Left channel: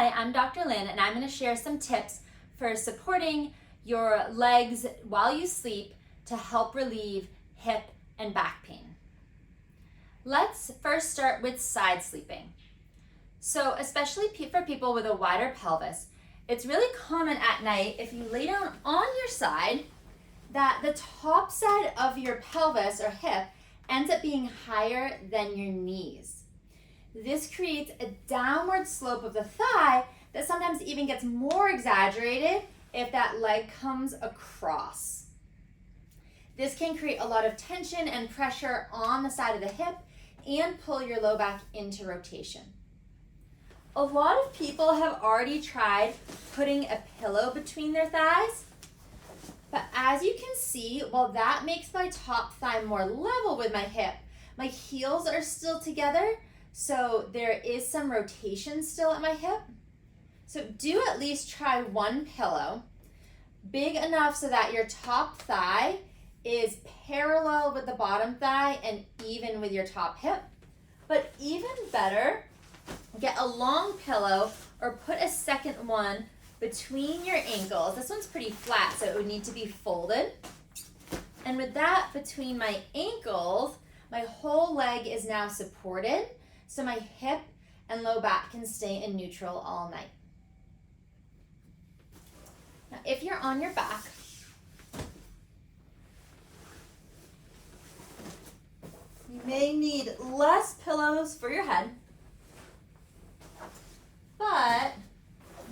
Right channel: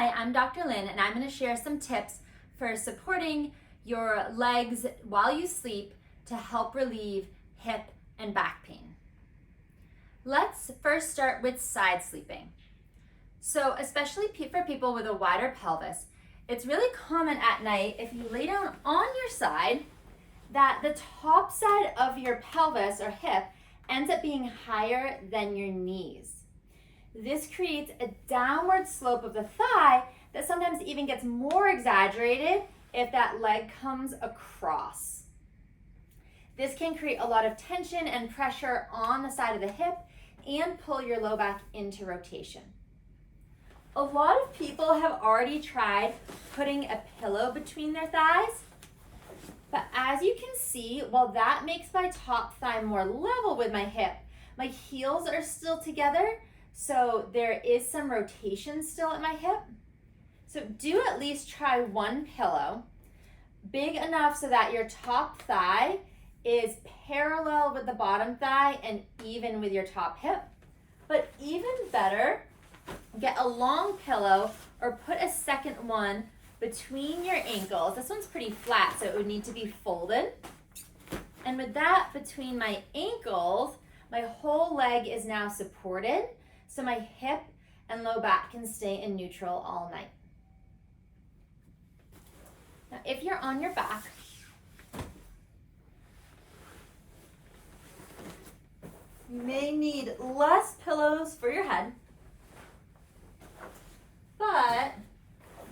Hi, I'm Dr. Lynn, and I'm going to share some tips for supporting your legs while you sleep to help relieve hip and back pain. Let's first start with side sleeping. So especially for people with a wider pelvis, it's really common at night if you lay down on your side that the top side of your pelvis or hip ends up being higher than your knees. This creates a downward slope of the thigh that sometimes even gets more exaggerated if that leg comes across. This can create a lot of tension and pressure on the side of the hip and pull your low back into rotation. A lot of people have already tried putting a pillow between their thighs, but as you can see, while that makes my top thigh more level with my hip, my heels are still together, so there is some rotation still at my hip. So do at least try one pillow, big enough so that your top thigh is parallel with the bottom thigh and even with your top hip. But even better, get a long pillow or put a second one between your ankles. This one's pretty flat, so it would need to be folded. And with that between my ankles, my whole leg is now supported, so my hip and low back can stay in neutral all night. Now, if you're on your back, you may need less pillows for your head, but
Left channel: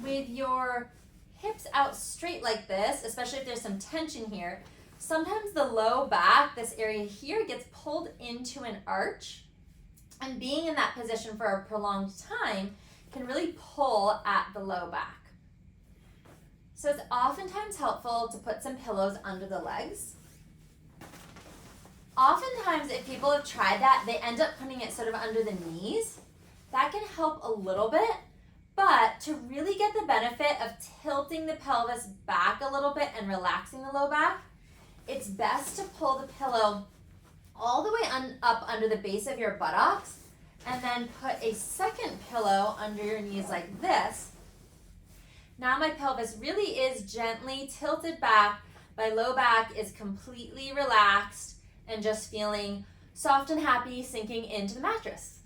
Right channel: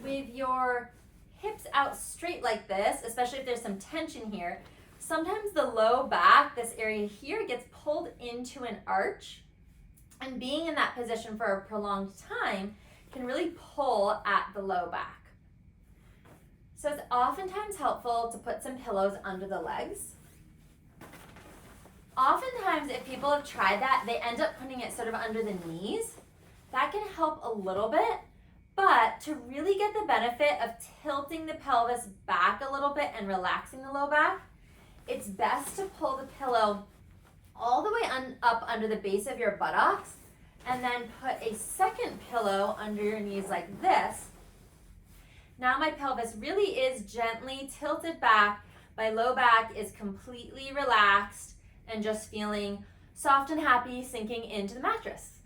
with your hips out straight like this, especially if there's some tension here, sometimes the low back, this area here, gets pulled into an arch, and being in that position for a prolonged time can really pull at the low back. So it's oftentimes helpful to put some pillows under the legs. Oftentimes, if people have tried that, they end up putting it sort of under the knees. That can help a little bit, but to really get the benefit of tilting the pelvis back a little bit and relaxing the low back, it's best to pull the pillow all the way up under the base of your buttocks and then put a second pillow under your knees like this. Now my pelvis really is gently tilted back. My low back is completely relaxed and just feeling soft and happy sinking into the mattress.